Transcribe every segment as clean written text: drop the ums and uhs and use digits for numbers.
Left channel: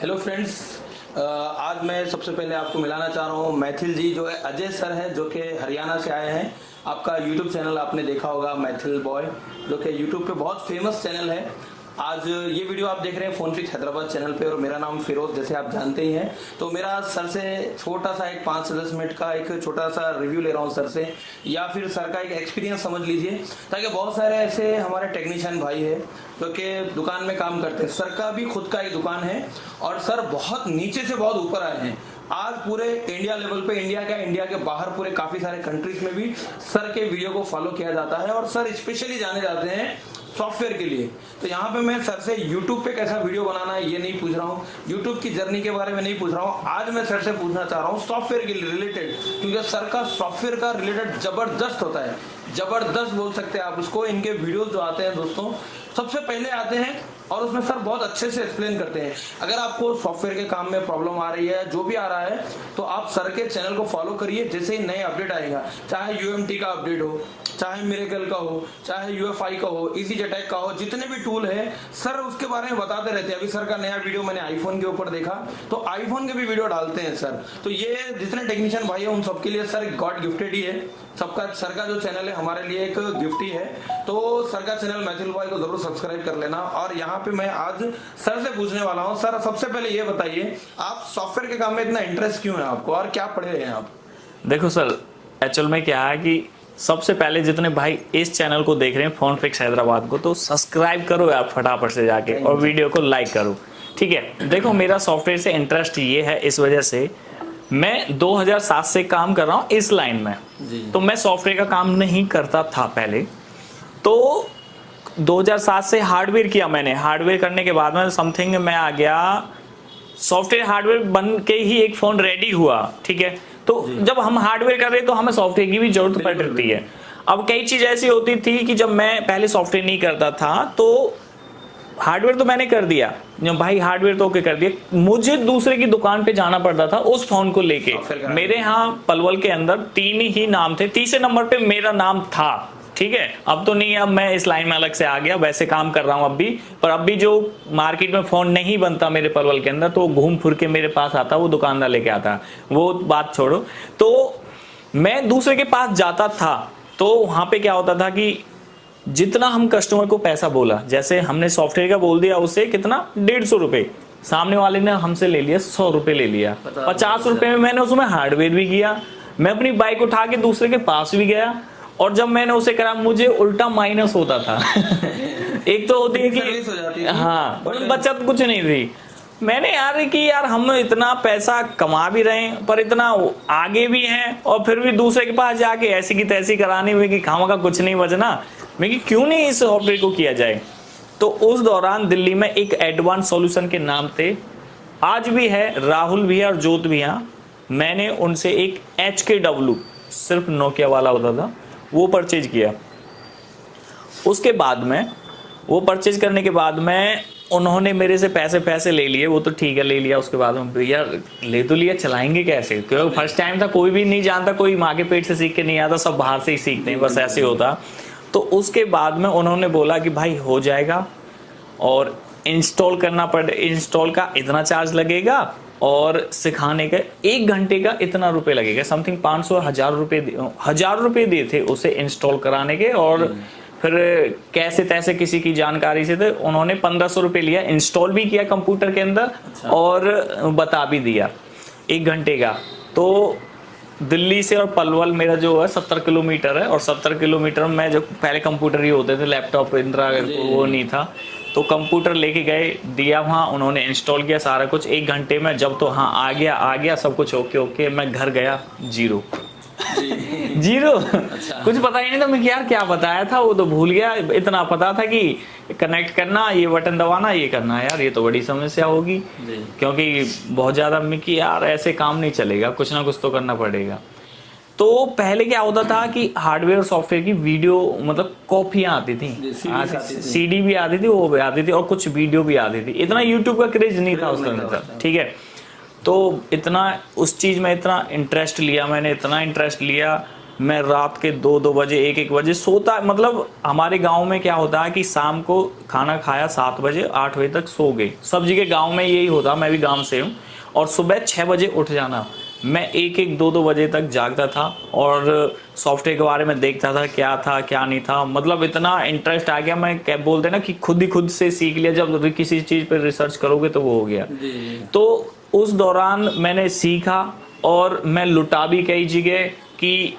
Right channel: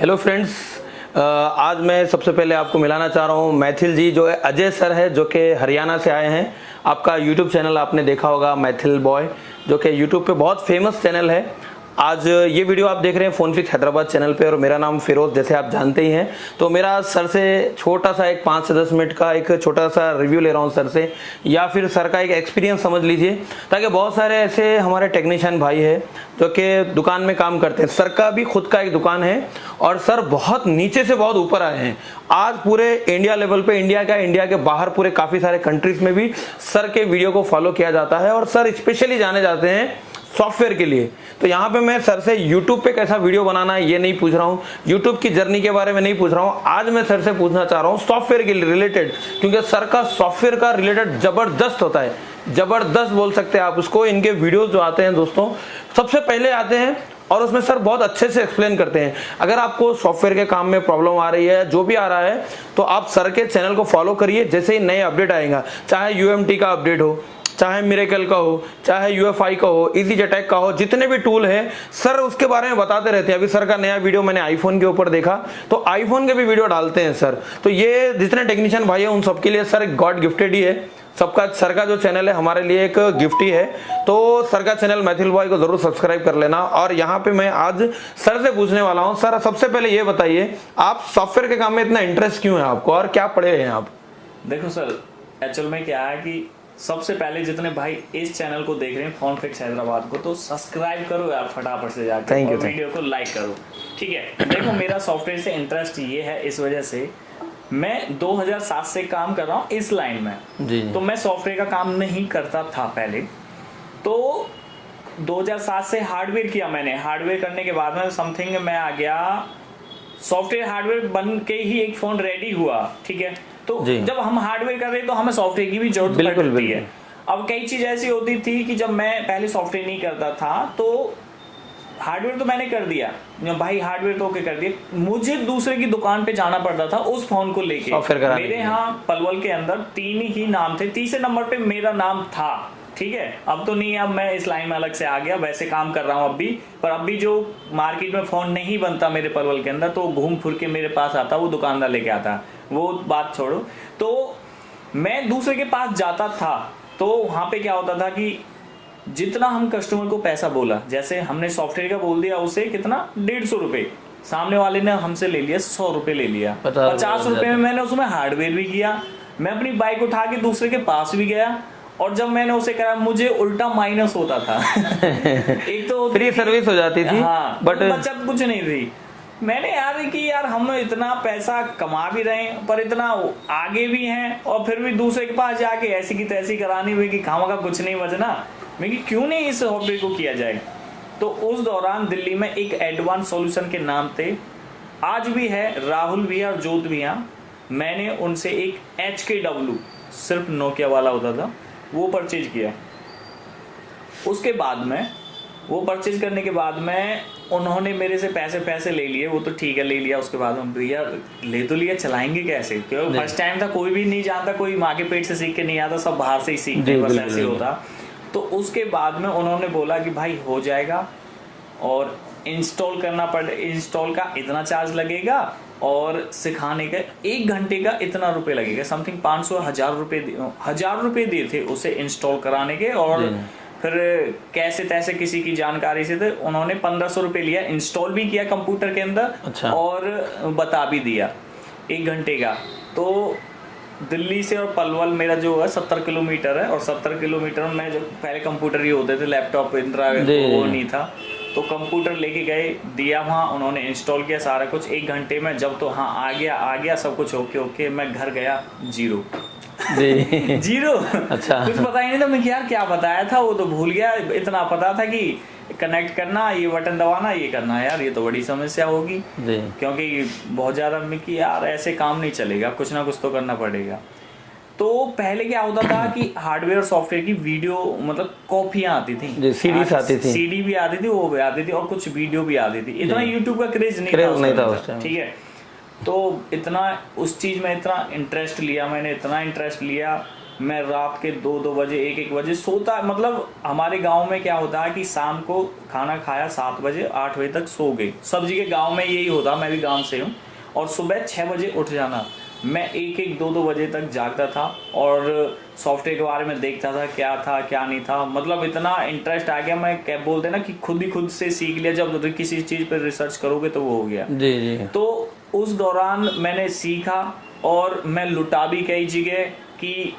Hello friends, आज मैं सबसे पहले आपको मिलाना चाह रहा हूँ मैथिल जी, जो है अजय सर है, जो कि हरियाणा से आए हैं। आपका यूट्यूब चैनल आपने देखा होगा मैथिल बॉय, जो कि यूट्यूब पे बहुत फेमस चैनल है। आज ये वीडियो आप देख रहे हैं फोन फिक्स हैदराबाद चैनल पे, और मेरा नाम फिरोज, जैसे आप जानते ही हैं। तो मेरा सर से छोटा सा एक 5 से 10 मिनट का एक छोटा सा रिव्यू ले रहा हूँ सर से, या फिर सर का एक एक्सपीरियंस समझ लीजिए, ताकि बहुत सारे ऐसे हमारे टेक्नीशियन भाई है जो कि दुकान में काम करते हैं। सर का भी खुद का एक दुकान है, और सर बहुत नीचे से बहुत ऊपर आए हैं। आज पूरे इंडिया लेवल पे, इंडिया के बाहर पूरे काफी सारे कंट्रीज में भी सर के वीडियो को फॉलो किया जाता है, और सर स्पेशली जाने जाते हैं सॉफ्टवेयर के लिए। तो यहाँ पे मैं सर से यूट्यूब पे कैसा वीडियो बनाना है ये नहीं पूछ रहा हूँ, यूट्यूब की जर्नी के बारे में नहीं पूछ रहा हूँ। आज मैं सर से पूछना चाह रहा हूँ सॉफ्टवेयर के रिलेटेड, क्योंकि सर का सॉफ्टवेयर का रिलेटेड जबरदस्त होता है, जबरदस्त बोल सकते हैं आप उसको। इनके वीडियोज जो आते हैं दोस्तों, सबसे पहले आते हैं, और उसमें सर बहुत अच्छे से एक्सप्लेन करते हैं। अगर आपको सॉफ्टवेयर के काम में प्रॉब्लम आ रही है, जो भी आ रहा है, तो आप सर के चैनल को फॉलो करिए। जैसे ही नए अपडेट आएगा, चाहे यूएमटी का अपडेट हो, चाहे मिरेकल का हो, चाहे यूएफआई का हो, इजी अटैक का हो, जितने भी टूल हैं सर उसके बारे में बताते रहते हैं। अभी सर का नया वीडियो मैंने आईफोन के ऊपर देखा, तो आईफोन के भी वीडियो डालते हैं सर। तो ये जितने टेक्नीशियन भाई हैं उन सबके लिए सर एक गॉड गिफ्टेड ही है। सबका सर का जो चैनल है हमारे लिए एक गिफ्ट ही है। तो सर का चैनल मैथिल बॉय को जरूर सब्सक्राइब कर लेना। और यहाँ पे मैं आज सर से पूछने वाला हूँ, सर सबसे पहले ये बताइए, आप सॉफ्टवेयर के काम में इतना इंटरेस्ट क्यों है आपको, और क्या पढ़े हैं आप? देखो सर, एक्चुअल में क्या है कि सबसे पहले जितने भाई इस चैनल को देख रहे हैं फोन फिक्स हैदराबाद को, तो सब्सक्राइब करो यार फटाफट से जाके, और वीडियो को लाइक करो, ठीक है। देखो मेरा सॉफ्टवेयर से इंटरेस्ट ये है, इस वजह से मैं 2007 से काम कर रहा हूँ इस लाइन में जी। तो मैं सॉफ्टवेयर का काम नहीं करता था पहले। तो 2007 से हार्डवेयर किया मैंने। हार्डवेयर करने के बाद में समथिंग मैं आ गया, सॉफ्टवेयर हार्डवेयर बन के ही एक फोन रेडी हुआ, ठीक है। तो जब हम हार्डवेयर कर रहे हैं तो हमें सॉफ्टवेयर की भी जरूरत पड़ती है। अब कई चीज ऐसी होती थी कि जब मैं पहले सॉफ्टवेयर नहीं करता था, तो हार्डवेयर तो मैंने कर दिया, जो भाई हार्डवेयर तो ओके कर दिया, मुझे दूसरे की दुकान पे जाना पड़ता था उस फोन को लेके। मेरे यहाँ पलवल के अंदर 3 ही नाम थे, तीसरे नंबर पे मेरा नाम था, ठीक है। अब तो नहीं, अब मैं इस लाइन में अलग से आ गया, वैसे काम कर रहा हूँ अब भी। पर अब भी जो मार्केट में फोन नहीं बनता मेरे पलवल के अंदर, तो घूम फिर के मेरे पास आता, वो दुकानदार लेके आता, वो बात छोड़ो। तो मैं दूसरे के पास जाता था, तो वहां पे क्या होता था कि जितना हम कस्टमर को पैसा बोला, जैसे हमने सॉफ्टवेयर का बोल दिया उसे कितना 150 रुपए, सामने वाले ने हमसे ले लिया 100 रुपए ले लिया, 50 रुपए में मैंने उसमें हार्डवेयर भी किया। मैं अपनी बाइक उठा के दूसरे के पास भी गया, और जब मैंने उसे करा मुझे उल्टा माइनस होता था। एक तो फ्री सर्विस हो जाती थी, हाँ, बट बचत कुछ नहीं थी। मैंने यार कि यार हम इतना पैसा कमा भी रहे हैं, पर इतना आगे भी हैं, और फिर भी दूसरे के पास जाके ऐसी की तैसी कराने में कि खामा का कुछ नहीं बचना, मैं कि क्यों नहीं इस सॉफ्टवेयर को किया जाए। तो उस दौरान दिल्ली में एक एडवांस सॉल्यूशन के नाम थे, आज भी है, राहुल भैया और जोत भैया, मैंने उनसे एक HKW सिर्फ नोकिया वाला होता था, वो परचेज किया। उसके बाद में वो परचेज करने के बाद में उन्होंने मेरे से पैसे ले लिए, वो तो ठीक है ले लिया। उसके बाद में भैया ले तो लिया, चलाएंगे कैसे, क्योंकि फर्स्ट टाइम था, कोई भी नहीं जानता, कोई माँ के पेट से सीख के नहीं आता, सब बाहर से ही सीखते, बस ऐसे होता। तो उसके बाद में उन्होंने बोला कि भाई हो जाएगा, और इंस्टॉल करना पड़े, इंस्टॉल का इतना चार्ज लगेगा, और सिखाने का 1 घंटे का इतना रुपए लगेगा, समथिंग 500-1000 रुपए दिए थे उसे इंस्टॉल कराने के। और फिर कैसे तैसे किसी की जानकारी से थे, उन्होंने 1500 रुपए लिया, इंस्टॉल भी किया कंप्यूटर के अंदर। अच्छा। और बता भी दिया 1 घंटे का। तो दिल्ली से और पलवल मेरा जो है 70 किलोमीटर है, और 70 किलोमीटर में जो पहले कंप्यूटर ही होते थे, लैपटॉप इंदिरा वो नहीं था, तो कंप्यूटर लेके गए, दिया वहाँ, उन्होंने इंस्टॉल किया सारा कुछ 1 घंटे में। जब तो हाँ आ गया सब कुछ ओके, मैं घर गया जीरो। अच्छा। कुछ पता ही नहीं था, मैं यार क्या बताया था वो तो भूल गया। इतना पता था कि कनेक्ट करना, ये बटन दबाना, ये करना, यार ये तो बड़ी समस्या होगी, क्योंकि बहुत ज्यादा कि यार ऐसे काम नहीं चलेगा, कुछ ना कुछ तो करना पड़ेगा। तो पहले क्या होता था कि हार्डवेयर और सॉफ्टवेयर की वीडियो मतलब कॉपियां आती थी, सीडी भी आती थी, वो भी आती थी, और कुछ वीडियो भी आती थी। इतना यूट्यूब का क्रेज नहीं था, ठीक है। तो इतना उस चीज में इतना इंटरेस्ट लिया मैंने, इतना इंटरेस्ट लिया, मैं रात के 2-2 बजे 1-1 बजे सोता, मतलब हमारे गांव में क्या होता है कि शाम को खाना खाया 7 बजे 8 बजे तक सो गए, सब जगह गांव में यही होता, मैं भी गांव से हूँ, और सुबह 6 बजे उठ जाना। मैं 1-1 2-2 बजे तक जागता था और सॉफ्टवेयर के बारे में देखता था क्या था क्या नहीं था, मतलब इतना इंटरेस्ट आ गया, मैं क्या बोलते ना कि खुद से सीख लिया, जब किसी चीज पर रिसर्च करोगे तो वो हो गया। जी जी। तो उस दौरान मैंने सीखा और मैं लुटा भी कई जगह कि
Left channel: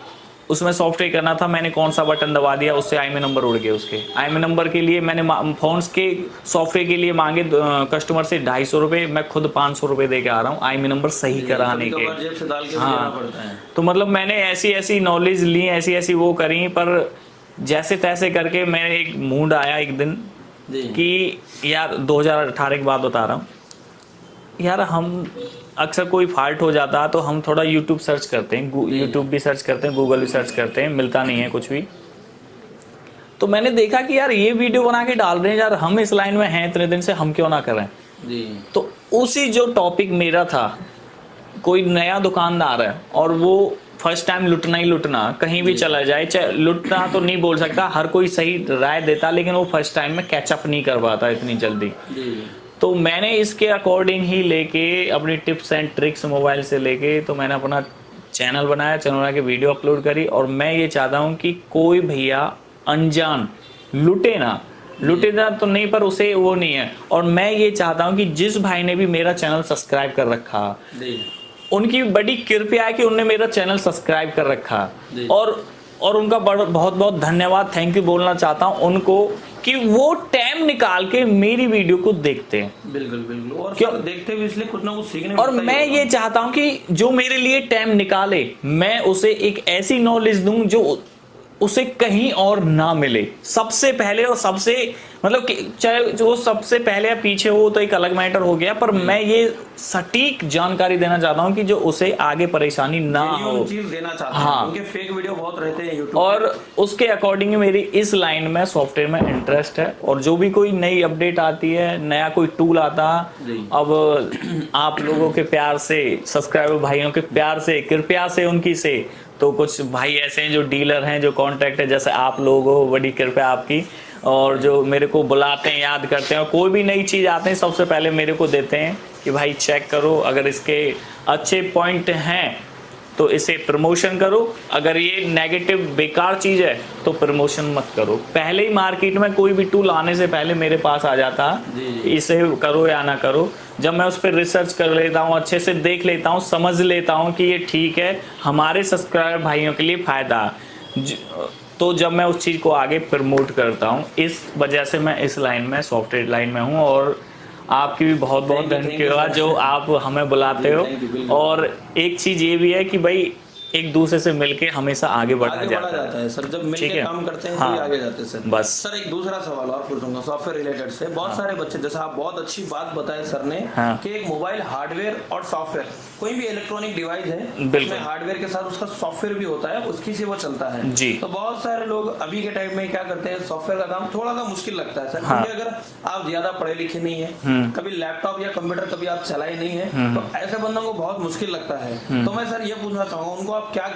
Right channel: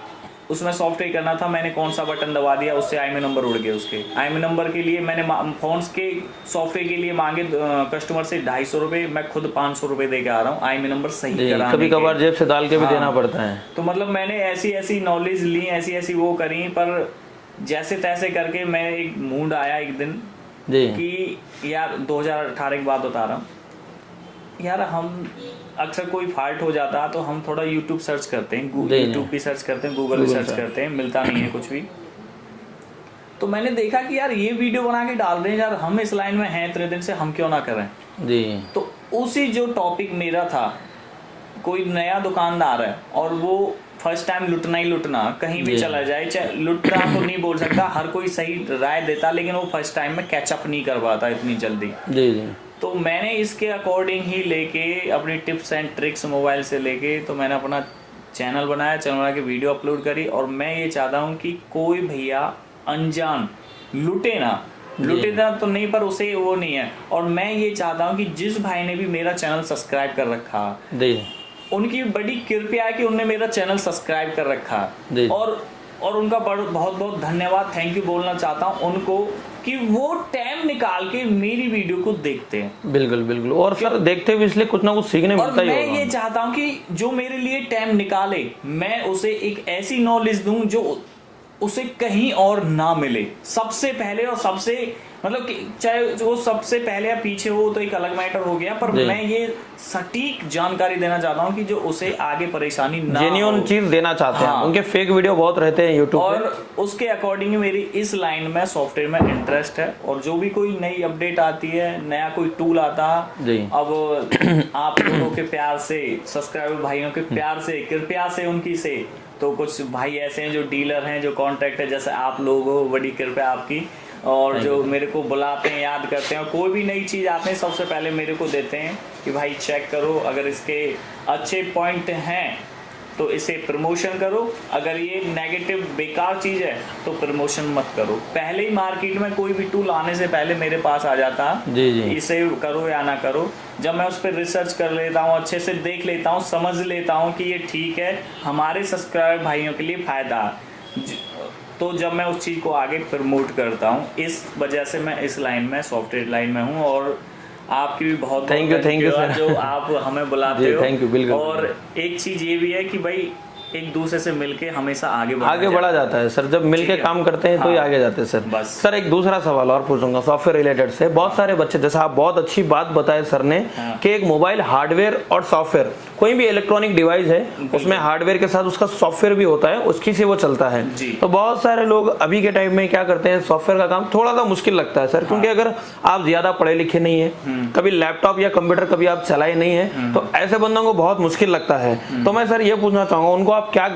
उसमें सॉफ्टवेयर करना था, मैंने कौन सा बटन दबा दिया, उससे आईएमई नंबर उड़ गए। उसके आईएमई नंबर के लिए मैंने फोन्स के सॉफ्टवेयर के लिए मांगे कस्टमर से 250 रुपए, मैं खुद 500 रुपए दे के आ रहा हूँ आईएमई नंबर सही कराने कभी कभार जेब से डाल के भी देना पड़ता है। तो मतलब मैंने ऐसी नॉलेज ली, ऐसी वो करी, पर जैसे तैसे करके मैं एक मूड आया एक दिन कि यार 2018 की बात बता रहा हूँ यार, हम अक्सर कोई फॉल्ट हो जाता है तो हम थोड़ा YouTube सर्च करते हैं, YouTube भी सर्च करते हैं, गूगल भी सर्च करते हैं, मिलता नहीं है कुछ भी। तो मैंने देखा कि यार ये वीडियो बना के डाल रहे हैं, यार हम इस लाइन में हैं इतने दिन से, हम क्यों ना करें जी। तो उसी जो टॉपिक मेरा था, कोई नया दुकानदार है और वो फर्स्ट टाइम लुटना ही लुटना, कहीं भी चला जाए, चाहे लुटना तो नहीं बोल सकता, हर कोई सही राय देता, लेकिन वो फर्स्ट टाइम में कैचअप नहीं कर पाता इतनी जल्दी। जी जी। तो मैंने इसके अकॉर्डिंग ही लेके अपनी टिप्स एंड ट्रिक्स मोबाइल से लेके, तो मैंने अपना चैनल बनाया, चैनल बना के वीडियो अपलोड करी, और मैं ये चाहता हूँ कि कोई भैया अनजान लुटे ना तो नहीं, पर उसे वो नहीं है। और मैं ये चाहता हूँ कि जिस भाई ने भी मेरा चैनल सब्सक्राइब कर रखा, उनकी बड़ी कृपया है कि उन्होंने मेरा चैनल सब्सक्राइब कर रखा, और उनका बहुत बहुत धन्यवाद, थैंक यू बोलना चाहता हूँ उनको कि वो टाइम निकाल के मेरी वीडियो को देखते हैं। बिल्कुल बिल्कुल, और फिर देखते हुए इसलिए कुछ ना कुछ सीखने मिलता और मैं ये चाहता हूँ कि जो मेरे लिए टाइम निकाले, मैं उसे एक ऐसी नॉलेज दूं जो उसे कहीं और ना मिले। सबसे पहले और सबसे मतलब चाहे जो सबसे पहले या पीछे हो तो एक अलग मैटर हो गया, पर मैं ये सटीक जानकारी देना चाहता हूँ कि जो उसे आगे परेशानी ना हो, जेन्युइन चीज देना चाहते हैं। उनके फेक वीडियो बहुत रहते हैं यूट्यूब और उसके अकॉर्डिंग मेरी इस लाइन में सॉफ्टवेयर में इंटरेस्ट है, और जो भी कोई नई अपडेट आती है, नया कोई टूल आता है, अब आप लोगों के प्यार से, सब्सक्राइबर भाइयों के प्यार से, कृपया से, उनकी से, तो कुछ भाई ऐसे हैं जो डीलर हैं, जो कॉन्ट्रैक्ट है, जैसे आप लोग हो, बड़ी कृपया आपकी, और जो मेरे को बुलाते हैं, याद करते हैं, और कोई भी नई चीज आते हैं सबसे पहले मेरे को देते हैं कि भाई चेक करो, अगर इसके अच्छे पॉइंट हैं तो इसे प्रमोशन करो, अगर ये नेगेटिव बेकार चीज है तो प्रमोशन मत करो। पहले ही मार्केट में कोई भी टूल आने से पहले मेरे पास आ जाता, इसे करो या ना करो। जब मैं उस पर रिसर्च कर लेता हूँ, अच्छे से देख लेता हूँ, समझ लेता हूँ कि ये ठीक है, हमारे सब्सक्राइबर भाइयों के लिए फायदा, तो जब मैं उस चीज को आगे प्रमोट करता हूँ। इस वजह से मैं इस लाइन में, सॉफ्टवेयर लाइन में हूँ, और आपकी भी बहुत बहुत धन्यवाद जो आप हमें बुलाते हो। और एक चीज ये भी है कि भाई एक दूसरे से मिलके हमेशा आगे बढ़ा जाता है सर। जब मिलके काम करते हैं तो ही आगे जाते हैं सर। बस सर एक दूसरा सवाल और पूछूंगा सॉफ्टवेयर रिलेटेड से। बहुत सारे बच्चे, जैसे आप बहुत अच्छी बात बताए सर ने कि एक मोबाइल हार्डवेयर और सॉफ्टवेयर, कोई भी इलेक्ट्रॉनिक डिवाइस है उसमें हार्डवेयर के साथ उसका सॉफ्टवेयर भी होता है, उसकी से वो चलता है जी। तो बहुत सारे लोग अभी के टाइम में क्या करते हैं, सॉफ्टवेयर का काम थोड़ा सा मुश्किल लगता है सर, क्योंकि अगर आप ज्यादा पढ़े लिखे नहीं है, कभी लैपटॉप या कंप्यूटर कभी आप चलाए नहीं है, तो ऐसे बंदों को बहुत मुश्किल लगता है। तो मैं सर ये पूछना चाहूंगा, उनको आप क्या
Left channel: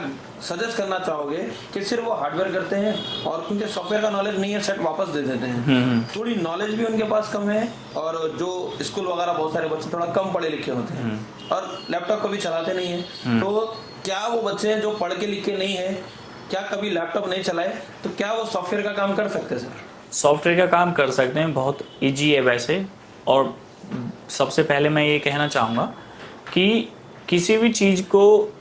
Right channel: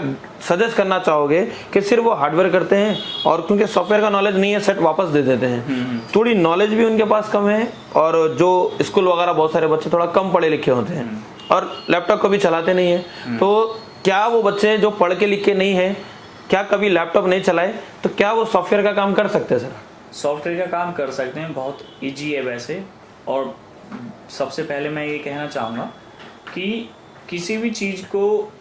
सजेस्ट करना चाहोगे कि सिर्फ वो हार्डवेयर करते हैं और क्योंकि सॉफ्टवेयर का नॉलेज नहीं है सेट वापस दे देते हैं, थोड़ी नॉलेज भी उनके पास कम है, और जो स्कूल वगैरह बहुत सारे बच्चे थोड़ा कम पढ़े लिखे होते हैं और लैपटॉप कभी चलाते नहीं है, तो क्या वो बच्चे जो पढ़ के लिख के नहीं है, क्या कभी लैपटॉप नहीं चलाए, तो क्या वो सॉफ्टवेयर का काम कर सकते हैं सर? सॉफ्टवेयर का काम कर सकते हैं, बहुत इजी है वैसे। और सबसे पहले मैं ये कहना चाहूँगा कि किसी भी चीज़ को,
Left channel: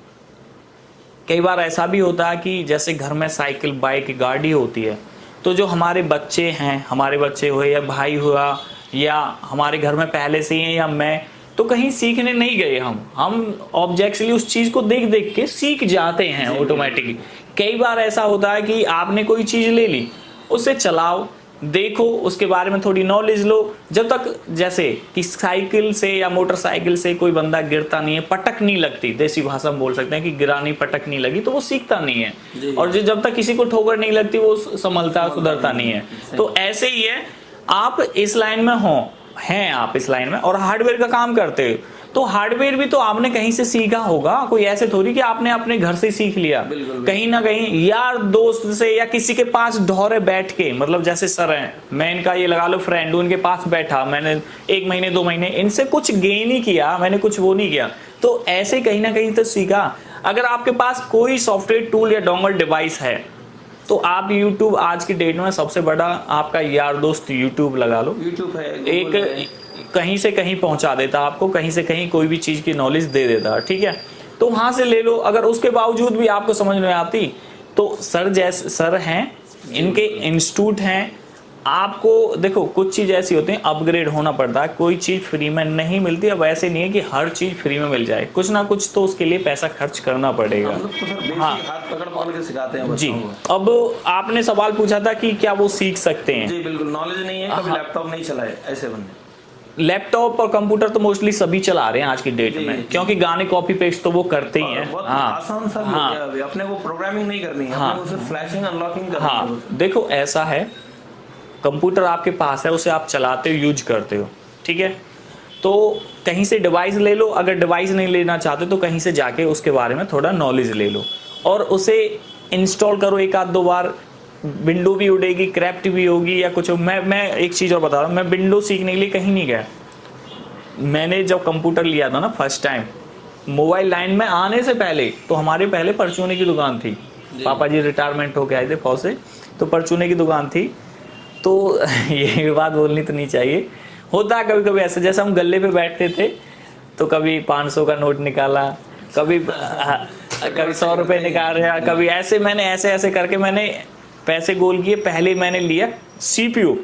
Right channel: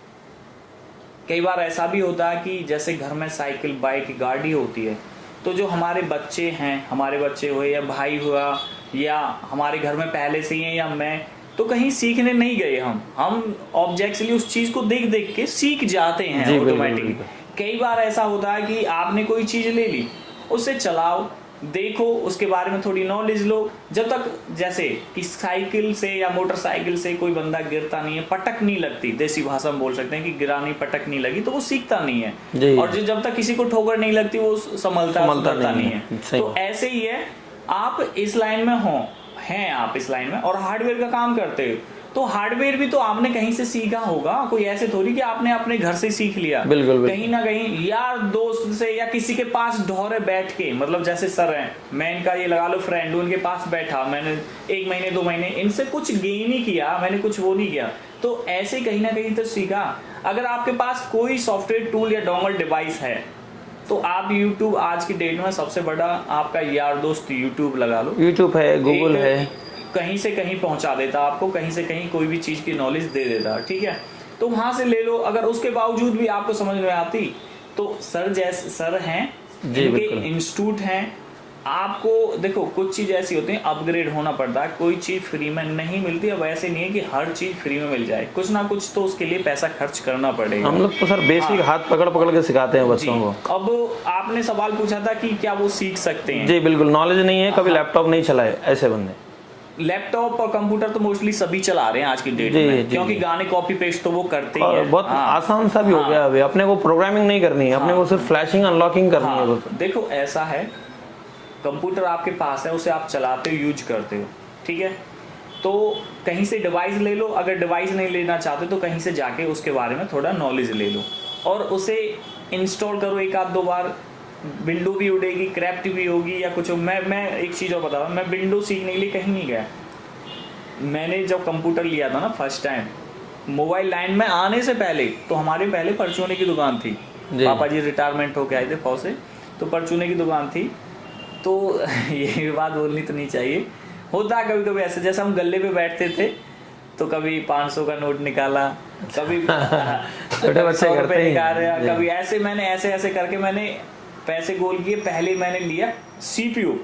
कई बार ऐसा भी होता है कि जैसे घर में साइकिल, बाइक, गाड़ी होती है, तो जो हमारे बच्चे हैं, हमारे बच्चे हुए या भाई हुआ या हमारे घर में पहले से ही या मैं, तो कहीं सीखने नहीं गए, हम ऑब्जेक्टली उस चीज को देख देख के सीख जाते हैं ऑटोमेटिकली। कई बार ऐसा होता है कि आपने कोई चीज ले ली, उसे चलाओ, देखो, उसके बारे में थोड़ी नॉलेज लो, जब तक जैसे कि साइकिल से या मोटरसाइकिल से कोई बंदा गिरता नहीं है, पटक नहीं लगती, देसी भाषा में बोल सकते हैं कि गिरानी पटक नहीं लगी, तो वो सीखता नहीं है। और जब तक किसी को ठोकर नहीं लगती वो संभलता सुधरता नहीं है। तो ऐसे ही है, आप इस लाइन में हो, हैं आप इस लाइन में और हार्डवेयर का काम करते हो, तो हार्डवेयर भी तो आपने कहीं से सीखा होगा, कोई ऐसे थोड़ी कि आपने अपने घर से सीख लिया। बिल्कुल कहीं ना कहीं यार दोस्त से या किसी के पास ढौरे बैठ के, मतलब जैसे सर हैं, मैं इनका ये लगा लो फ्रेंड, उनके पास बैठा मैंने 1 महीने 2 महीने, इनसे कुछ गेन ही किया मैंने, कुछ वो नहीं किया। तो ऐसे कहीं ना कहीं तो सीखा। अगर आपके पास कोई सॉफ्टवेयर टूल या डोंगल डिवाइस है तो आप YouTube आज की डेट में सबसे बड़ा आपका यार दोस्त YouTube लगा लो। YouTube है, गूगल है, कहीं से कहीं पहुंचा देता आपको, कहीं से कहीं कोई भी चीज की नॉलेज दे देता, ठीक है। तो वहां से ले लो। अगर उसके बावजूद भी आपको समझ में आती तो सर जैसे सर हैं, इनके इंस्टीट्यूट हैं। आपको देखो कुछ चीज ऐसी होती है अपग्रेड होना पड़ता है, कोई चीज फ्री में नहीं मिलती। अब ऐसे नहीं है कि हर चीज फ्री में मिल जाए, कुछ ना कुछ तो उसके लिए पैसा खर्च करना पड़ेगा। हम लोग तो सर बेसिक हाथ पकड़ पकड़ के सिखाते हैं बच्चों को। अब आपने सवाल पूछा था कि क्या वो सीख सकते हैं। जी बिल्कुल, नॉलेज नहीं है, कभी लैपटॉप नहीं चलाए ऐसे बंदे। लैपटॉप और कंप्यूटर तो मोस्टली सभी चला रहे हैं आज की डेट में, क्योंकि गाने कॉपी पेस्ट तो वो करते ही हैं। बहुत आसान सा भी हो गया अभी। अपने को प्रोग्रामिंग नहीं करनी है, अपने को सिर्फ फ्लैशिंग अनलॉकिंग करनी है। देखो ऐसा है, कंप्यूटर आपके पास है, उसे आप चलाते हो, यूज करते हो, ठीक है। तो कहीं से डिवाइस ले लो। अगर डिवाइस नहीं लेना चाहते तो कहीं से जाके उसके बारे में थोड़ा नॉलेज ले लो और उसे इंस्टॉल करो 1-2 बार। विंडो भी उड़ेगी, क्रैप्ट भी होगी या कुछ। मैं एक चीज़ और बता रहा हूँ, मैं विंडो सीखने के लिए कहीं नहीं गया। मैंने जब कंप्यूटर लिया था ना फर्स्ट टाइम, मोबाइल लाइन में आने से पहले तो हमारे पहले परचूने की दुकान थी। पापा जी रिटायरमेंट होके आए थे फौज से, तो परचूने की दुकान थी। तो ये बात बोलनी तो नहीं चाहिए, होता है कभी कभी ऐसा। जैसे हम गले पे बैठते थे तो कभी 500 का नोट निकाला, कभी 100 रुपये निकाल रहा, कभी ऐसे। मैंने ऐसे करके मैंने पैसे गोल किए। पहले मैंने लिया सीपीयू,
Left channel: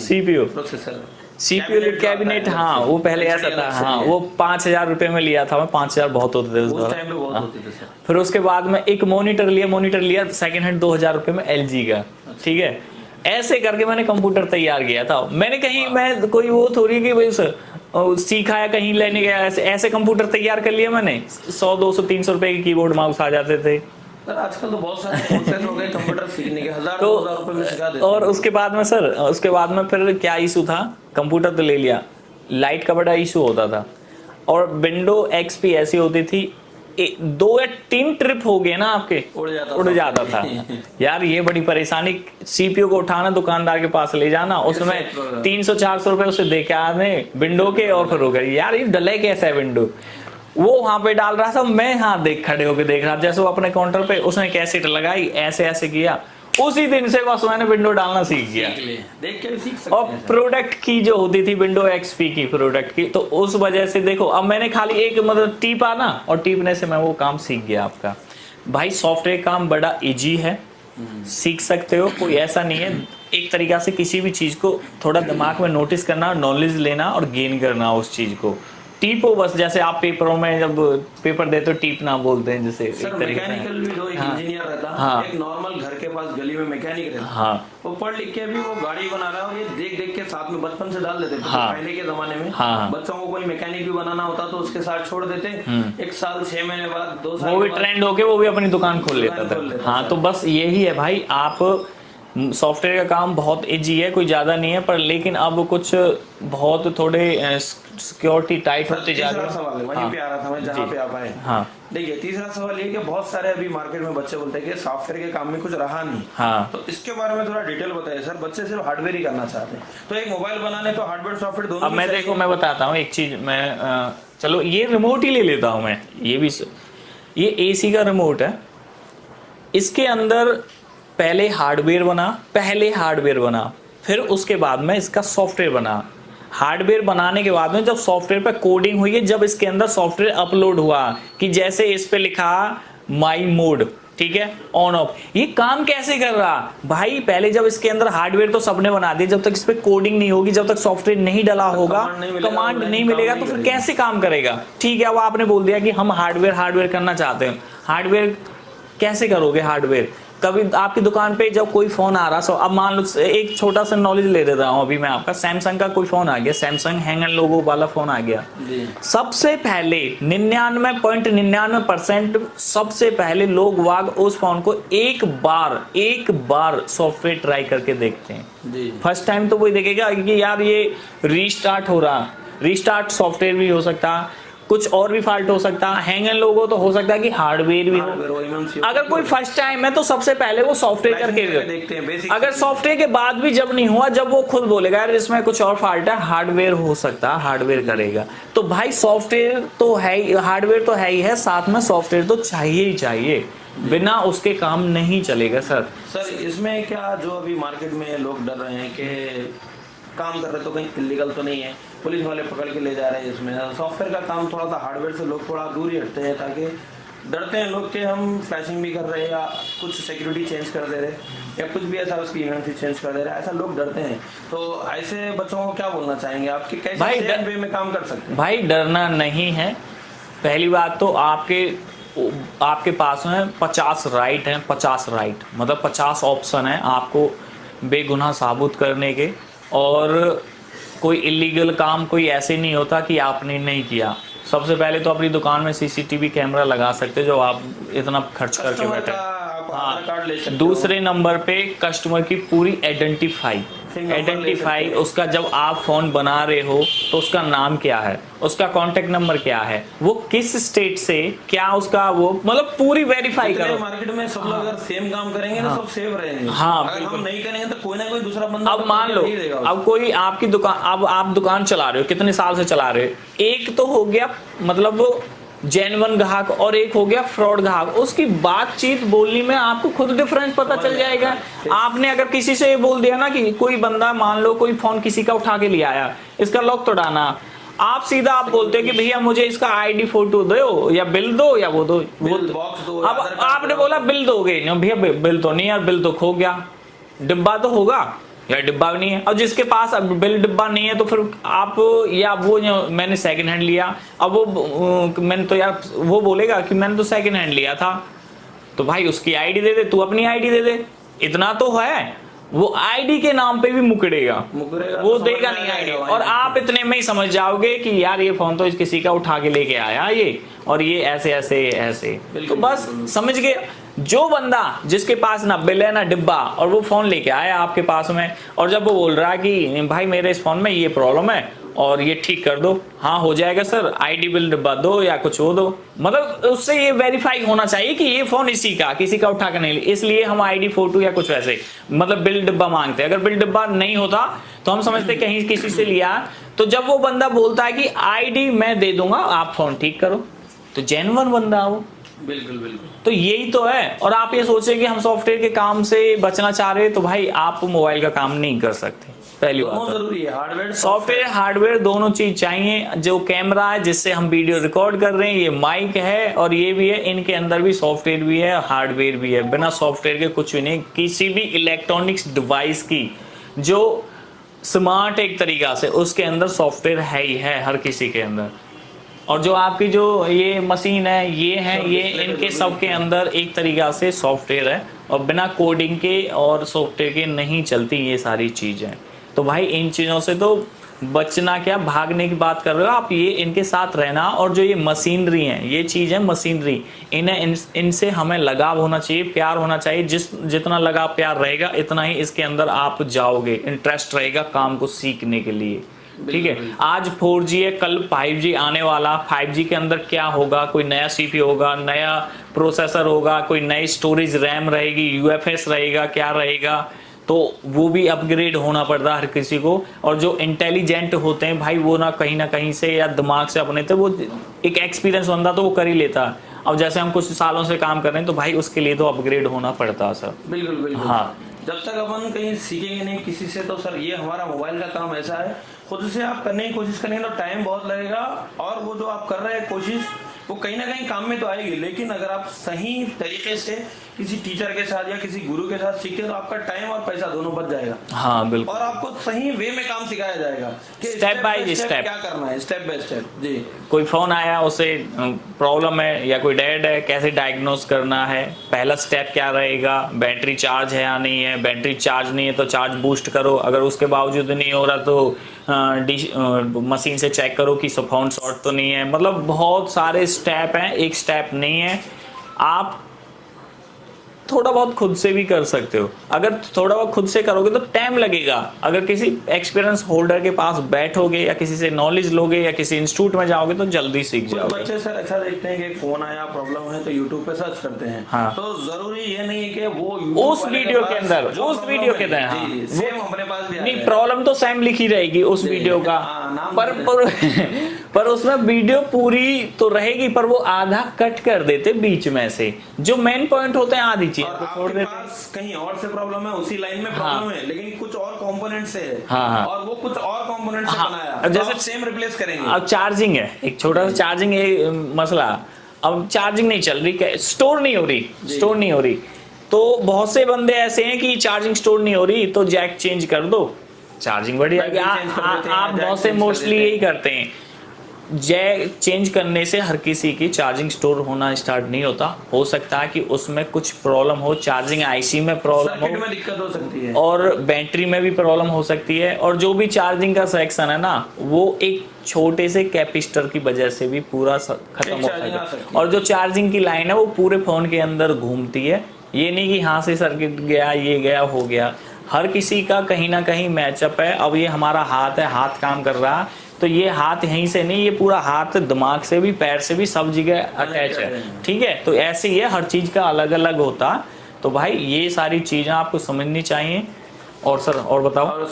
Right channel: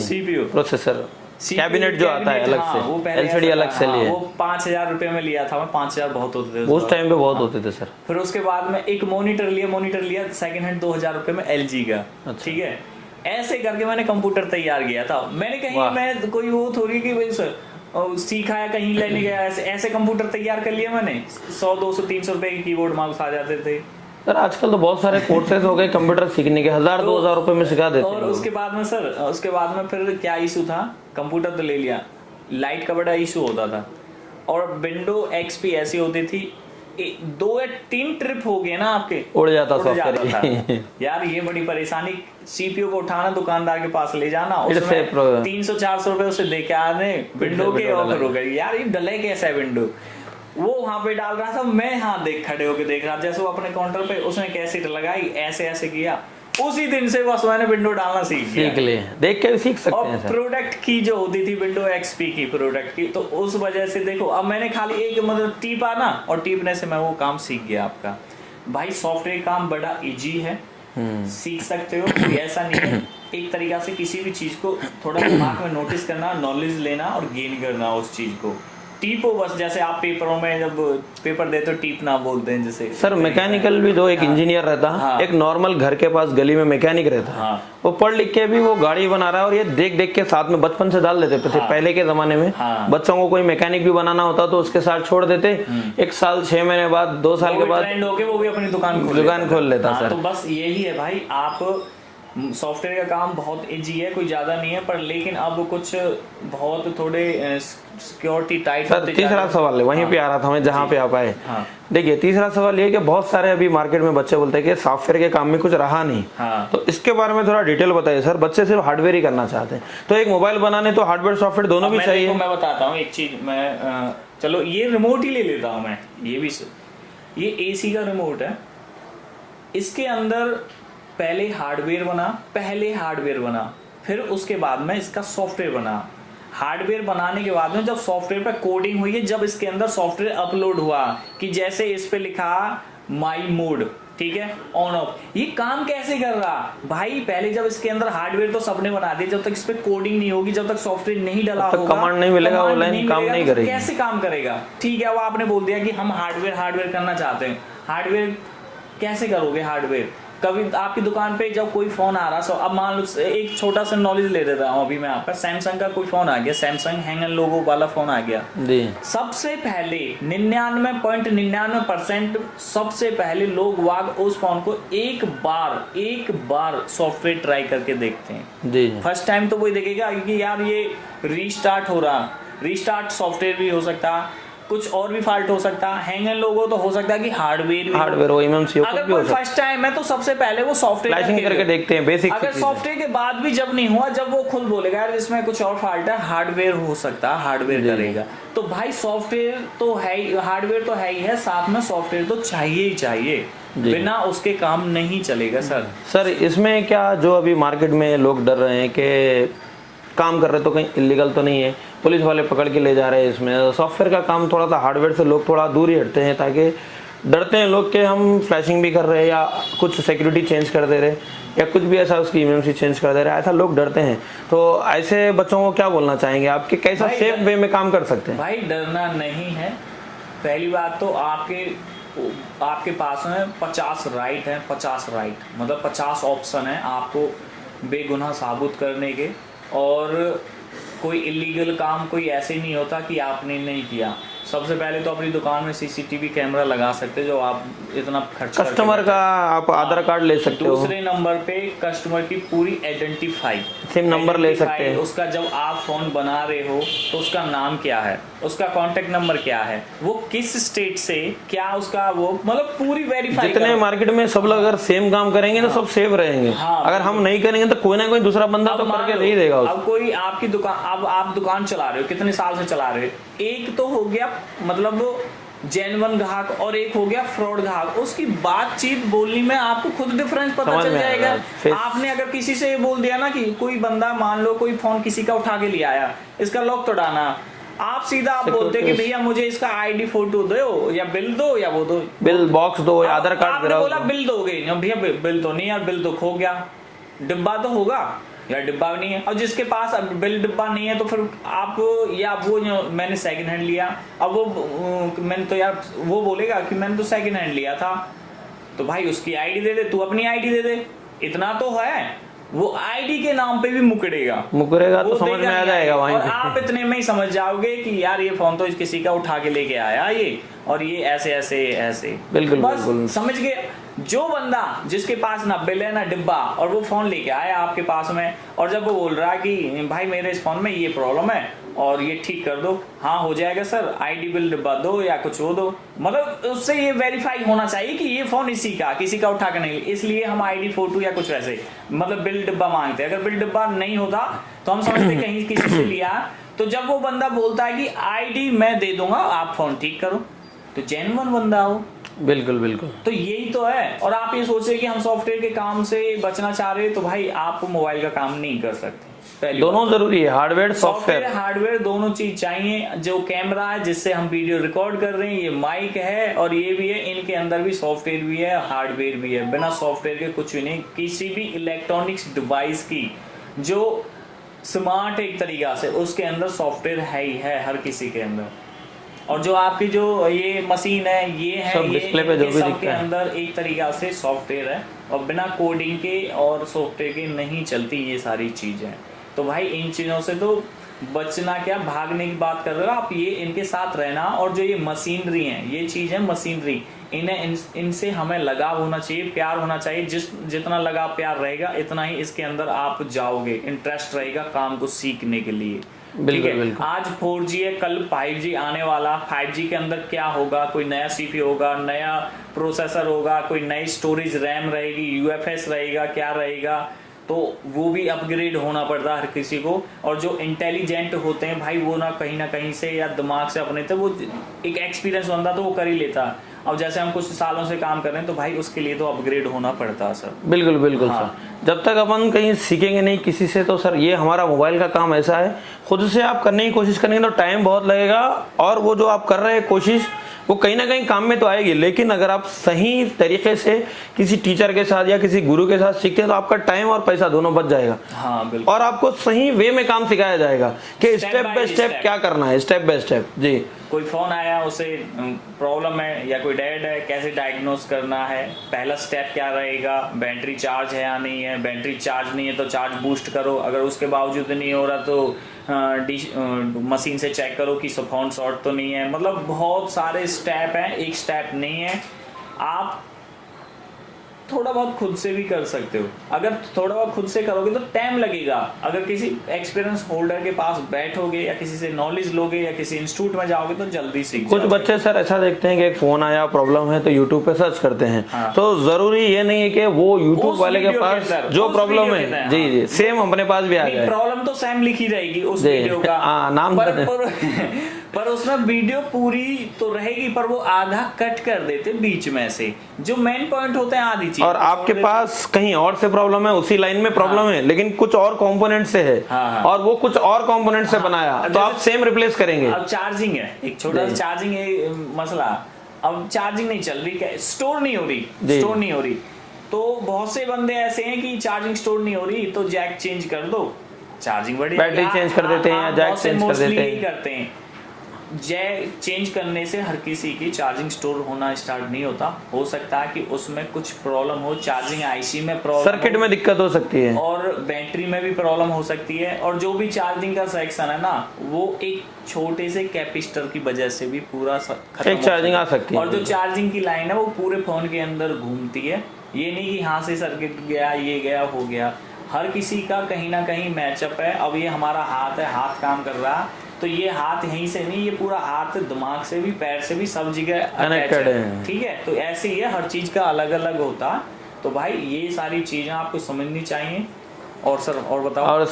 सीपीयू प्रोसेसर, कैबिनेट जो आता है, हाँ वो पहले ऐसा था, हाँ, वो 5000 रुपए में लिया था मैं। 5000 बहुत होते थे उस टाइम पे, बहुत होते थे सर। फिर उसके बाद में एक मॉनिटर लिया सेकंड हैंड 2000 रुपए में LG का, ठीक है। ऐसे करके मैंने कंप्यूटर तैयार किया था। मैंने कहीं, मैं कोई वो थोड़ी कि भाई सर सीखा है कहीं लेने गया, ऐसे कंप्यूटर तैयार कर लिया मैंने। 100 200 300 रुपए के कीबोर्ड माउस आ जाते थे। सर आजकल तो बहुत सारे कोर्सेज हो गए कंप्यूटर सीखने के, 1000-2000 रुपए में सिखा देते हैं। और उसके बाद में सर, उसके बाद में फिर क्या इशू था, कंप्यूटर तो ले लिया, लाइट का बड़ा इशू होता था। और विंडो XP ऐसी होती थी 2 या 3 ट्रिप हो गए ना आपके, उड़ जाता था। यार ये बड़ी परेशानी। CPU को उठाना, दुकानदार के पास ले जाना, उसमें 300-400 रुपए उसे दे के आने विंडो के, और फिर हो गए यार ये डले कैसा है विंडो। वो वहां पे डाल रहा था, मैं खड़े होके देख रहा, जैसे वो अपने काउंटर पे उसने कैसेट लगाई, ऐसे किया। उसी दिन से बस मैंने विंडो डालना सीख लिया। देख के भी सीख सकते हैं। और प्रोडक्ट की जो होती थी विंडो XP की प्रोडक्ट की, तो उस वजह से देखो अब मैंने खाली एक मतलब टीपा ना, और टीपने से मैं वो काम सीख गया आपका। भाई सॉफ्टवेयर काम बड़ा इजी है, सीख सकते हो, कोई ऐसा नहीं है। एक तरीका से किसी भी चीज को थोड़ा दिमाग में नोटिस करना, नॉलेज लेना और गेन करना उस चीज को। टीपो बस, जैसे आप पेपरों में जब पेपर देते हो टीपना बोलते हैं जैसे। सर मैकेनिकल भी दो, एक इंजीनियर रहता है, एक नॉर्मल घर के पास गली में मैकेनिक रहता है, वो पढ़ लिख के भी वो गाड़ी बना रहा है, और ये देख देख के साथ में बचपन से डाल देते थे। पहले के जमाने में बच्चों को कोई मैकेनिक भी बनाना होता तो उसके साथ छोड़ देते, 1 साल 6 महीने बाद 2 साल के बाद ट्रेंड होके वो भी अपनी दुकान खोल लेता। तो बस यही है भाई, आप सॉफ्टवेयर का काम बहुत इजी है, कोई ज्यादा नहीं है, पर लेकिन अब कुछ बहुत थोड़े सिक्योरिटी टाइट होती है। तीसरा सवाल है, वहीं पे आ रहा था मैं जहाँ पे आप आए। देखिए तीसरा सवाल ये कि बहुत सारे अभी मार्केट में बच्चे बोलते हैं कि सॉफ्टवेयर के काम में कुछ रहा नहीं। तो इसके बारे में थोड़ा डिटेल बताइए सर। बच्चे सिर्फ हार्डवेयर ही करना चाहते हैं, तो एक मोबाइल बनाने तो हार्डवेयर सॉफ्टवेयर दोनों भी चाहिए। मैं बताता हूँ एक चीज, मैं चलो ये रिमोट ही ले लेता हूँ मैं। ये AC का रिमोट है, इसके अंदर पहले हार्डवेयर बना, फिर उसके बाद में इसका सॉफ्टवेयर बना। हार्डवेयर बनाने के बाद में जब सॉफ्टवेयर पे कोडिंग हुई है, जब इसके अंदर सॉफ्टवेयर अपलोड हुआ कि जैसे इस पे लिखा माई मोड, ठीक है, ऑन ऑफ, ये काम कैसे कर रहा भाई। पहले जब इसके अंदर हार्डवेयर तो सबने बना दिया, जब तक इस पे कोडिंग नहीं होगी, जब तक सॉफ्टवेयर नहीं डला होगा, कमांड नहीं मिलेगा तो फिर कैसे काम करेगा। ठीक है, अब आपने बोल दिया कि हम हार्डवेयर करना चाहते हैं, हार्डवेयर कैसे करोगे। हार्डवेयर कभी आपकी दुकान पे जब कोई फोन आ रहा, अब मान लो एक छोटा सा नॉलेज ले देता हूँ अभी मैं आपका। सैमसंग का कोई फोन आ गया, सैमसंग हैंगर लोगो वाला फोन आ गया, सबसे पहले 99.99% सबसे पहले लोग वाग उस फोन को एक बार सॉफ्टवेयर ट्राई करके देखते हैं। फर्स्ट टाइम तो वही देखेगा कि यार ये रीस्टार्ट हो रहा, रीस्टार्ट सॉफ्टवेयर भी हो सकता, कुछ और भी फॉल्ट हो सकता है, हैंग एंड लोगो तो हो सकता है कि हार्डवेयर भी हार्डवेयर हो, MMC हो, अगर कोई फर्स्ट टाइम है तो सबसे पहले वो सॉफ्टवेयर करके देखते हैं बेसिक। अगर सॉफ्टवेयर के बाद भी जब नहीं हुआ, जब वो खुद बोलेगा यार इसमें कुछ और फॉल्ट है, हार्डवेयर हो सकता है, हार्डवेयर करेगा। तो भाई सॉफ्टवेयर तो है ही, हार्डवेयर तो है ही है, साथ में सॉफ्टवेयर तो चाहिए ही चाहिए, बिना उसके काम नहीं चलेगा सर। इसमें क्या जो अभी मार्केट में लोग डर रहे हैं कि काम कर रहे तो कहीं इलीगल तो नहीं है, पुलिस वाले पकड़ के ले जा रहे हैं, इसमें सॉफ्टवेयर का काम थोड़ा सा हार्डवेयर से लोग थोड़ा दूर ही हटते हैं, ताकि डरते हैं लोग कि हम फ्लैशिंग भी कर रहे हैं या कुछ सिक्योरिटी चेंज कर दे रहे या कुछ भी ऐसा उसकी इम्यूनिटी चेंज कर दे रहा है, ऐसा लोग डरते हैं। तो ऐसे बच्चों को क्या बोलना चाहेंगे आपके, कैसे सेफ वे में काम कर सकते हैं? भाई डरना नहीं है। पहली बात तो आपके पास में 50 राइट है, 50 राइट मतलब 50 ऑप्शन है आपको बेगुनाह साबित करने के। और कोई इलीगल काम कोई ऐसे नहीं होता कि आपने नहीं किया। सबसे पहले तो अपनी दुकान में सीसीटीवी कैमरा लगा सकते, जो आप इतना खर्च करके कस्टमर का आप आधार कार्ड ले सकते हो। दूसरे नंबर पे कस्टमर की पूरी आइडेंटिफाई, सिम नंबर ले सकते हैं। उसका जब आप फोन बना रहे हो तो उसका नाम क्या है, उसका कांटेक्ट नंबर क्या है, वो किस स्टेट से, क्या उसका वो मतलब पूरी वेरीफाई जितने मार्केट में सब लोग अगर सेम काम करेंगे ना, सब सेफ रहेंगे। अगर हम नहीं करेंगे तो कोई ना कोई दूसरा बंदा अब मान लो नहीं देगा। अब कोई आपकी दुकान, अब आप दुकान चला रहे हो, कितने साल से चला रहे हो, एक तो हो गया मतलब जेन्युइन ग्राहक और एक हो गया फ्रॉड ग्राहक। उसकी बातचीत बोलने में आपको खुद डिफरेंस पता चल जाएगा। आपने अगर किसी से बोल दिया ना कि कोई बंदा, मान लो कोई फोन किसी का उठा के ले आया, इसका लॉक तोड़ाना, आप सीधा आप बोलते कि भैया मुझे इसका आईडी फोटो दो या बिल दो या वो दो, बिल बॉक्स दो या आधार कार्ड। आपने बोला बिल दोगे, भैया बिल तो नहीं यार, बिल तो खो गया, डिब्बा तो होगा या डिब्बा नहीं है। और जिसके पास अब बिल डिब्बा नहीं है तो फिर आप, या वो मैंने सेकंड हैंड लिया, अब वो मैंने तो यार वो बोलेगा कि मैंने तो सेकंड हैंड लिया था, तो भाई उसकी आईडी दे दे, तू अपनी आईडी दे दे, इतना तो है। वो आईडी के नाम पे भी मुकरेगा वो तो देगा नहीं आएगा। और आप इतने में ही समझ जाओगे कि यार ये फोन तो किसी का उठा के लेके आया ये, और ये ऐसे ऐसे ऐसे। बिल्कुल बस समझ गए। जो बंदा जिसके पास ना बिल है ना डिब्बा और वो फोन लेके आया आपके पास में, और जब वो बोल रहा है कि भाई मेरे इस फोन में ये प्रॉब्लम है और ये ठीक कर दो, हाँ हो जाएगा सर, आईडी बिल डिब्बा दो या कुछ हो दो, मतलब उससे ये वेरीफाई होना चाहिए कि ये फोन इसी का, किसी का उठा के नहीं, इसलिए हम आईडी फोटो या कुछ वैसे मतलब बिल डिब्बा मांगते हैं। अगर बिल डिब्बा नहीं होता तो हम समझते कहीं किसी से लिया। तो जब वो बंदा बोलता है कि आईडी मैं दे दूंगा आप फोन ठीक करो, तो जेन्युइन बंदा हो। बिल्कुल बिल्कुल। तो यही तो है। और आप ये सोच रहे कि हम सॉफ्टवेयर के काम से बचना चाह रहे हैं, तो भाई आप मोबाइल का काम नहीं कर सकते। पहले दोनों जरूरी है, हार्डवेयर सॉफ्टवेयर हार्डवेयर दोनों चीज चाहिए। जो कैमरा है जिससे हम वीडियो रिकॉर्ड कर रहे हैं, ये माइक है और ये भी है, इनके अंदर भी सॉफ्टवेयर भी है हार्डवेयर भी है। बिना सॉफ्टवेयर के कुछ नहीं। किसी भी इलेक्ट्रॉनिक्स डिवाइस की जो स्मार्ट एक तरीका से, उसके अंदर सॉफ्टवेयर है ही है, हर किसी के अंदर। और जो आपकी जो ये मशीन है, ये है, ये इनके सब के अंदर एक तरीका से सॉफ्टवेयर है, और बिना कोडिंग के और सॉफ्टवेयर के नहीं चलती ये सारी चीजें। तो भाई इन चीजों से तो बचना क्या, भागने की बात कर रहे हो आप, ये इनके साथ रहना। और जो ये मशीनरी है, ये चीज है मशीनरी, इनसे हमें लगाव होना चाहिए, प्यार होना चाहिए। जितना लगाव प्यार रहेगा इतना ही इसके अंदर आप जाओगे, इंटरेस्ट रहेगा काम को सीखने के लिए। ठीक है। आज 4G है, कल 5G आने वाला। 5G के अंदर क्या होगा, कोई नया CPU होगा, नया प्रोसेसर होगा, कोई नई स्टोरेज रैम रहेगी, UFS रहेगा, क्या रहेगा, तो वो भी अपग्रेड होना पड़ता है हर किसी को। और जो इंटेलिजेंट होते हैं भाई, वो ना कहीं से या दिमाग से अपने, तो वो एक एक्सपीरियंस बंदा तो वो कर ही लेता है। अब जैसे हम कुछ सालों से काम कर रहे हैं, तो भाई उसके लिए तो अपग्रेड होना पड़ता है सर। बिल्कुल बिल्कुल। हाँ, जब तक अपन कहीं सीखेंगे नहीं किसी से, तो सर ये हमारा मोबाइल का काम ऐसा है, खुद से आप करने की कोशिश करेंगे तो टाइम बहुत लगेगा, और वो जो आप कर रहे हैं कोशिश, वो कहीं ना कहीं काम में तो आएगी। लेकिन अगर आप सही तरीके से किसी टीचर के साथ या किसी गुरु के साथ सीखते हैं, तो आपका टाइम और पैसा दोनों बच जाएगा। हाँ बिल्कुल। और आपको सही वे में काम सिखाया जाएगा कि स्टेप बाय स्टेप क्या करना है, स्टेप बाय स्टेप। जी, कोई फोन आया, उसे प्रॉब्लम है या कोई डेड है, कैसे डायग्नोस करना है, पहला स्टेप क्या रहेगा, बैटरी चार्ज है या नहीं है, बैटरी चार्ज नहीं है तो चार्ज बूस्ट करो, अगर उसके बावजूद नहीं हो रहा तो मशीन से चेक करो कि फोन शॉर्ट तो नहीं है। मतलब बहुत सारे स्टेप हैं, एक स्टेप नहीं है। आप थोड़ा बहुत खुद से भी कर सकते हो। अगर थोड़ा बहुत खुद से करोगे तो टाइम लगेगा। अगर किसी एक्सपीरियंस होल्डर के पास बैठोगे या किसी से नॉलेज लोगे या किसी इंस्टीट्यूट में जाओगे तो जल्दी सीख कुछ जाओगे। बच्चे सर ऐसा देखते हैं कि एक फोन आया, प्रॉब्लम है, तो यूट्यूब पे सर्च करते हैं। हाँ। तो जरूरी ये नहीं है कि वो यूट्यूब वाले के वीडियो के पास अंदर, जो उस प्रॉब्लम वीडियो के है अंदर, जी सेम अपने पास भी आ नहीं, जाए। प्रॉब्लम तो सेम लिखी रहेगी उस जी, वीडियो का। हाँ, नाम पर उसमें वीडियो पूरी तो रहेगी, पर वो आधा कट कर देते बीच में से, जो मेन पॉइंट होते हैं आधी चीज। और आपके पास कहीं और से प्रॉब्लम है, उसी लाइन में प्रॉब्लम है, लेकिन कुछ और कंपोनेंट से है, हाँ। और वो कुछ और कंपोनेंट से बनाया, तो आप सेम रिप्लेस करेंगे। अब चार्जिंग है, एक छोटा सा चार्जिंग है मसला। अब चार्जिंग नहीं चल रही, स्टोर नहीं हो रही, तो बहुत से बंदे ऐसे हैं कि चार्जिंग स्टोर नहीं हो रही तो जैक चेंज कर दो, चार्जिंग बड़ी बैटरी चेंज कर देते हैं, जैक बहुत से चेंज कर मोस्टली देते हैं। यही करते हैं। जैक चेंज करने से हर किसी की चार्जिंग स्टोर होना स्टार्ट नहीं होता। हो सकता है कि उसमें कुछ प्रॉब्लम हो, चार्जिंग आईसी में प्रॉब्लम, सर्किट में दिक्कत हो सकती है, और बैटरी में भी प्रॉब्लम हो सकती है। और जो भी चार्जिंग का सेक्शन है ना, वो एक छोटे से कैपेसिटर की वजह से भी पूरा खत्म हो चार्जिंग आ सकती है। और जो चार्जिंग की लाइन है वो पूरे फोन के अंदर घूमती है। ये नहीं कि यहाँ से सर्किट गया, ये गया, हो गया। हर किसी का कहीं ना कहीं मैचअप है। अब ये हमारा हाथ है, हाथ काम कर रहा है, तो ये हाथ यहीं से नहीं, ये पूरा हाथ दिमाग से भी, पैर से भी, सब जगह अटैच है। ठीक है, तो ऐसे ही है, हर चीज का अलग अलग होता है। तो भाई ये सारी चीजें आपको समझनी चाहिए। और सर और बताओ। और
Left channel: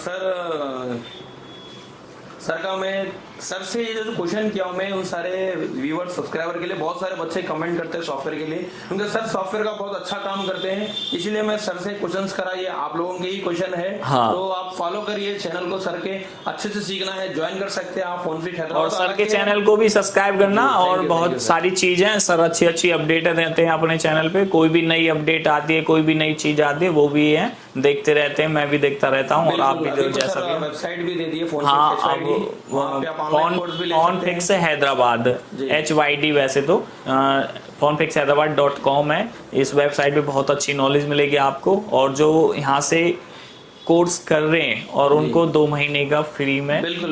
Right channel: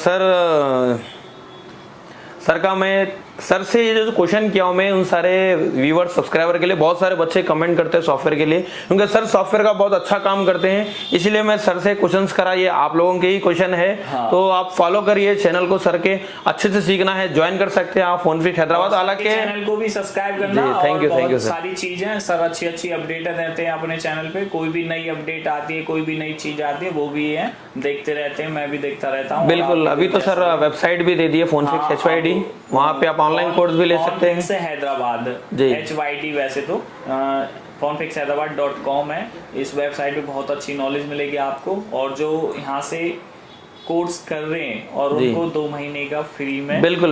सर का मैं सर से ये जो क्वेश्चन किया हूं मैं उन सारे व्यूअर सब्सक्राइबर के लिए, बहुत सारे बच्चे कमेंट करते हैं सॉफ्टवेयर के लिए, क्योंकि सर सॉफ्टवेयर का बहुत अच्छा काम करते हैं, इसलिए मैं सर से क्वेश्चंस करा। ये आप लोगों के ही क्वेश्चन है। हाँ। तो आप फॉलो करिए चैनल को, सर के अच्छे से सीखना है, ज्वाइन कर सकते हैं आप फोनफिक्स हैदराबाद। सर के चैनल को भी सब्सक्राइब करना। जी, और बहुत सारी चीजें सर अच्छी अपडेट देते हैं अपने चैनल पे। कोई भी नई अपडेट आती है, कोई भी नई चीज आती है, वो भी है, देखते रहते हैं, मैं भी देखता रहता हूँ। बिल्कुल, अभी तो सर वेबसाइट भी दे दी है फोनफिक्स HYD, वहाँ पे आप ऑनलाइन कोर्स भी ले सकते हैं। फोनफिक्स हैदराबाद HYD, वैसे तो phonefixhyderabad.com है। इस वेबसाइट पे बहुत अच्छी नॉलेज मिलेगी आपको। और जो यहाँ से कोर्स कर रहे हैं और उनको 2 महीने का फ्री में बिल्कुल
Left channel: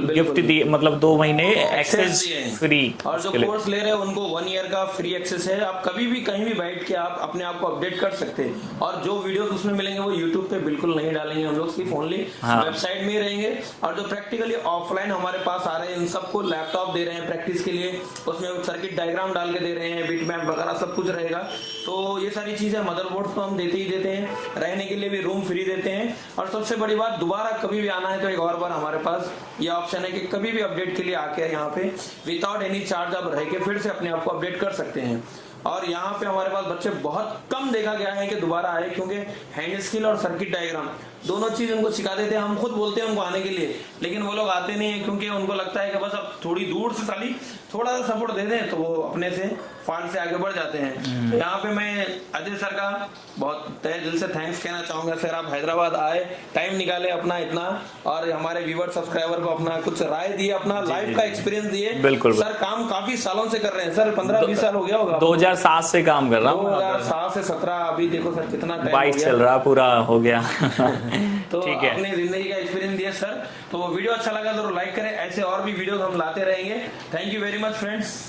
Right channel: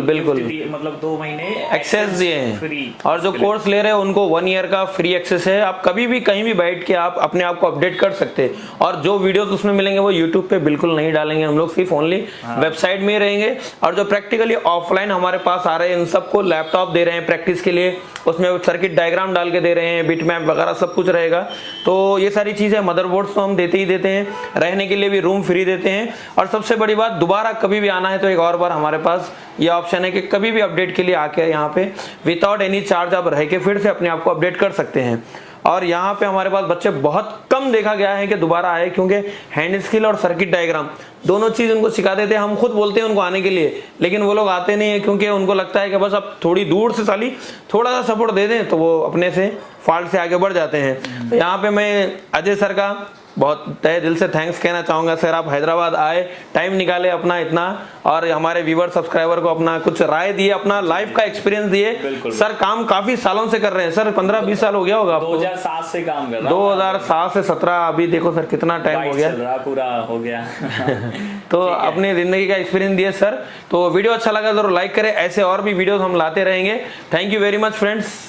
मतलब 2 महीने एक्सेस दिए हैं फ्री। और जो कोर्स ले रहे हैं उनको 1 ईयर का फ्री एक्सेस है। आप कभी भी कहीं भी बैठ के आप अपने आप को अपडेट कर सकते हैं। और जो वीडियोस उसमें मिलेंगे वो यूट्यूब पे बिल्कुल नहीं डालेंगे हम लोग, सिर्फ ओनली वेबसाइट में ही रहेंगे। और जो प्रैक्टिकली ऑफलाइन हमारे पास आ रहे हैं, इन सबको लैपटॉप दे रहे हैं प्रैक्टिस के लिए, उसमें सर्किट डायग्राम डाल के दे रहे हैं, बिट मैप वगैरह सब कुछ रहेगा। तो ये सारी चीजें, मदरबोर्ड तो हम देते ही देते हैं, रहने के लिए भी रूम फ्री देते हैं। और सबसे बड़ी बात, दोबारा कभी भी आना है तो एक और बार हमारे पास ये ऑप्शन है कि कभी भी अपडेट के लिए आके यहाँ पे विदाउट एनी चार्ज आप रह के फिर से अपने आप को अपडेट कर सकते हैं। और यहाँ पे हमारे पास बच्चे बहुत कम देखा गया है कि दोबारा आए, क्योंकि हैंड स्किल और सर्किट डायग्राम दोनों चीज उनको सिखा देते हैं। हम खुद बोलते हैं उनको आने के लिए, लेकिन वो लोग आते नहीं है, क्योंकि उनको लगता है कि बस अब थोड़ी दूर से साली थोड़ा सा सपोर्ट दे दें तो वो अपने से फॉल्ट से आगे बढ़ जाते हैं। तो यहाँ पे मैं अजय सर का बहुत तहे दिल से थैंक्स कहना चाहूंगा। सर आप हैदराबाद आए, टाइम निकाले अपना इतना, और हमारे व्यूअर सब्सक्राइबर को अपना कुछ राय दिए, अपना लाइफ का एक्सपीरियंस दिए। बिल्कुल। सर काम काफी सालों से कर रहे हैं सर, 15-20 साल हो गया होगा। 2007 से काम कर रहा हूं। 2007 से 17, अभी देखो सर कितना टाइम हो गया, चल रहा, पूरा हो गया। तो अपनी जिंदगी का एक्सपीरियंस दिए सर। तो वीडियो अच्छा लगा जरूर लाइक करें, ऐसे और भी वीडियोस हम लाते रहेंगे। Thank you very much friends.